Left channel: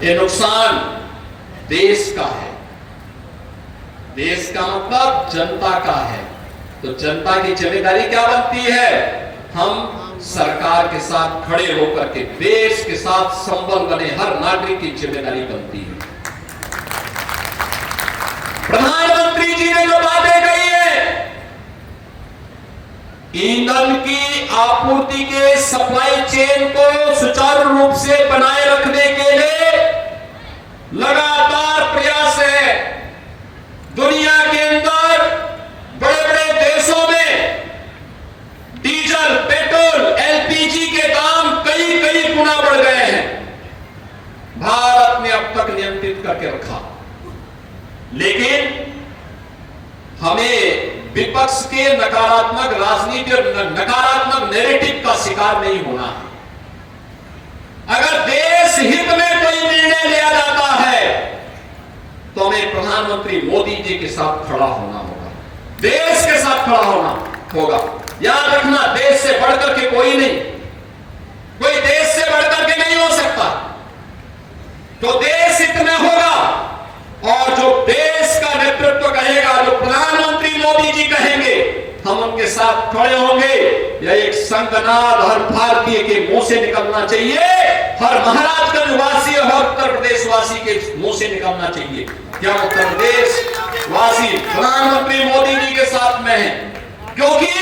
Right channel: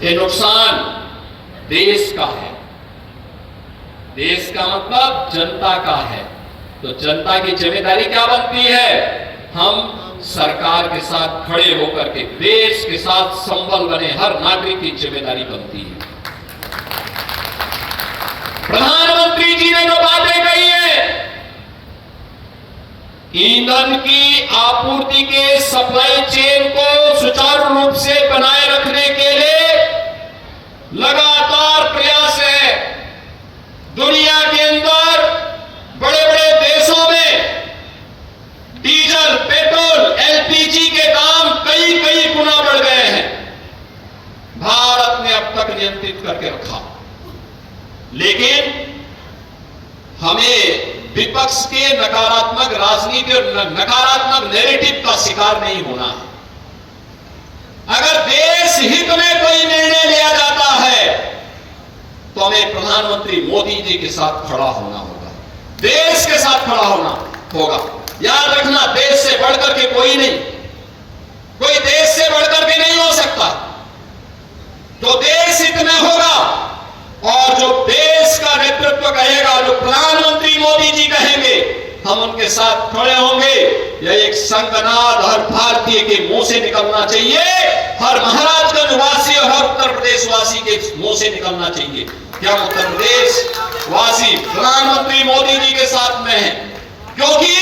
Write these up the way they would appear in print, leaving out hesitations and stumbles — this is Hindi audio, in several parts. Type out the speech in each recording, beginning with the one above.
ये नुकसान देश का है। देश का मतलब जनता का है। तो जनता की जिम्मेदारी क्या बनती है? हम सरकार के साथ खड़े होकर के देश के साथ संबल बने हर नागरिक की जिम्मेदारी बनती है। प्रधानमंत्री जी ने जो बातें कही है, ईंधन की आपूर्ति के सप्लाई चेन को सुचारू रूप से बनाए रखने के लिए लगातार प्रयास है। दुनिया के अंदर बड़े बड़े देशों में डीजल, पेट्रोल, एलपीजी के दाम कई कई गुना बढ़ गए हैं। भारत ने अब तक नियंत्रित करके रखा, लेकिन हमें विपक्ष के नकारात्मक राजनीति और नकारात्मक नैरेटिव का शिकार नहीं होना है। अगर देश हित में कोई निर्णय लिया जाता है तो हमें प्रधानमंत्री मोदी जी के साथ खड़ा होना होगा, देश के साथ खड़ा होना होगा। याद रखना, देश से बढ़कर के कोई नहीं, कोई देश से बढ़कर के नहीं हो सकता। तो देश हित में होगा और जो देश का नेतृत्व कहेगा, जो प्रधानमंत्री मोदी जी कहेंगे, हम उनके साथ खड़े होंगे। यह एक संगनाद हर भारतीय के मुंह से निकलना चाहिए, हर महाराजगंज वासी और उत्तर प्रदेश वासी के मुंह से निकलना चाहिए। क्या उत्तर प्रदेश वासी प्रधानमंत्री मोदी जी के साथ में है? क्योंकि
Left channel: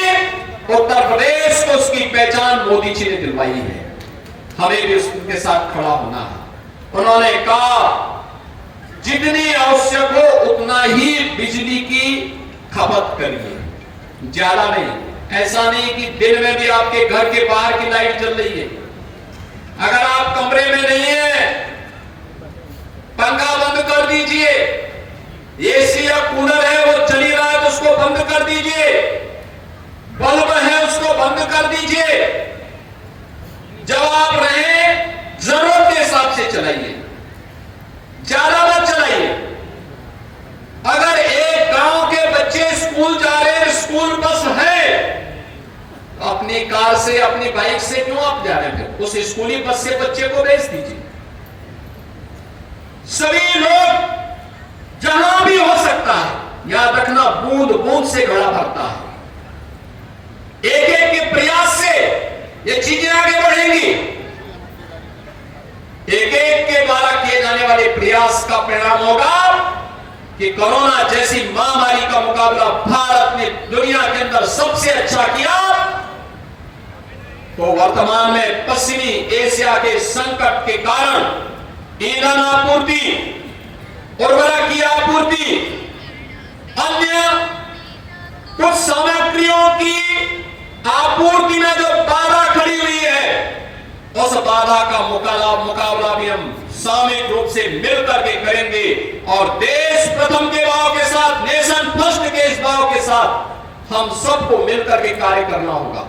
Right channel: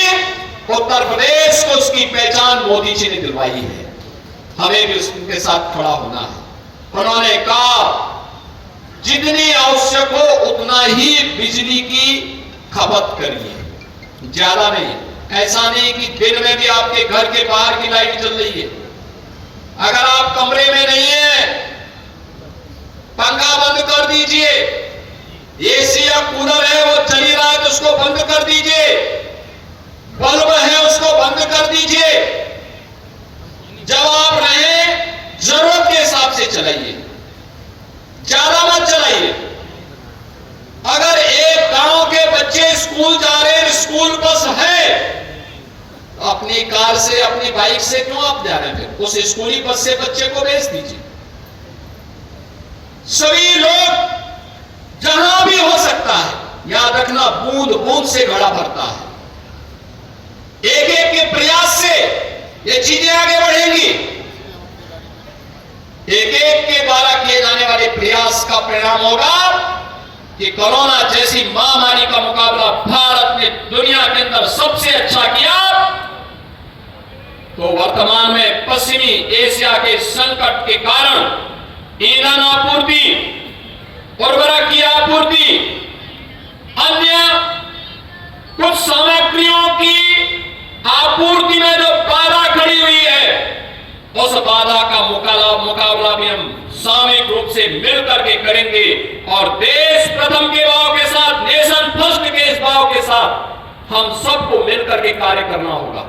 उत्तर प्रदेश को उसकी पहचान मोदी जी ने दिलवाई है। हमें भी उनके साथ खड़ा होना है। उन्होंने कहा जितनी आवश्यक हो उतना ही बिजली की खपत करिए, ज्यादा नहीं। ऐसा नहीं कि दिन में भी आपके घर के बाहर की लाइट जल रही है, अगर आप कमरे में नहीं है, पंखा बंद कर दीजिए। एसी या कूलर है वो चल ही रहा है तो उसको बंद कर दीजिए। बल्ब है उसको बंद कर दीजिए। जब आप रहें जरूरत के हिसाब से चलाइए, ज्यादा मत चलाइए। अगर एक गांव के बच्चे स्कूल जा रहे हैं, स्कूल बस है, अपनी कार से अपनी बाइक से क्यों आप जा रहे हैं? उस स्कूली बस से बच्चे को भेज दीजिए। सभी लोग जहां भी हो सकता है, याद रखना बूंद बूंद से घड़ा भरता है। एक एक के प्रयास से ये चीजें आगे बढ़ेंगी। एक एक के द्वारा किए जाने वाले प्रयास का परिणाम होगा कि कोरोना जैसी महामारी का मुकाबला भारत ने दुनिया के अंदर सबसे अच्छा किया। तो वर्तमान में पश्चिमी एशिया के संकट के कारण ईंधन आपूर्ति, उर्वरक की आपूर्ति, अन्य कुछ सामग्रियों की आपूर्ति में जो बाधा खड़ी हुई है, उस बाधा का मुकाबला भी हम सामूहिक रूप से मिलकर के करेंगे। और देश प्रथम के भाव के साथ, नेशन फर्स्ट के इस भाव के साथ हम सबको मिलकर के कार्य करना होगा।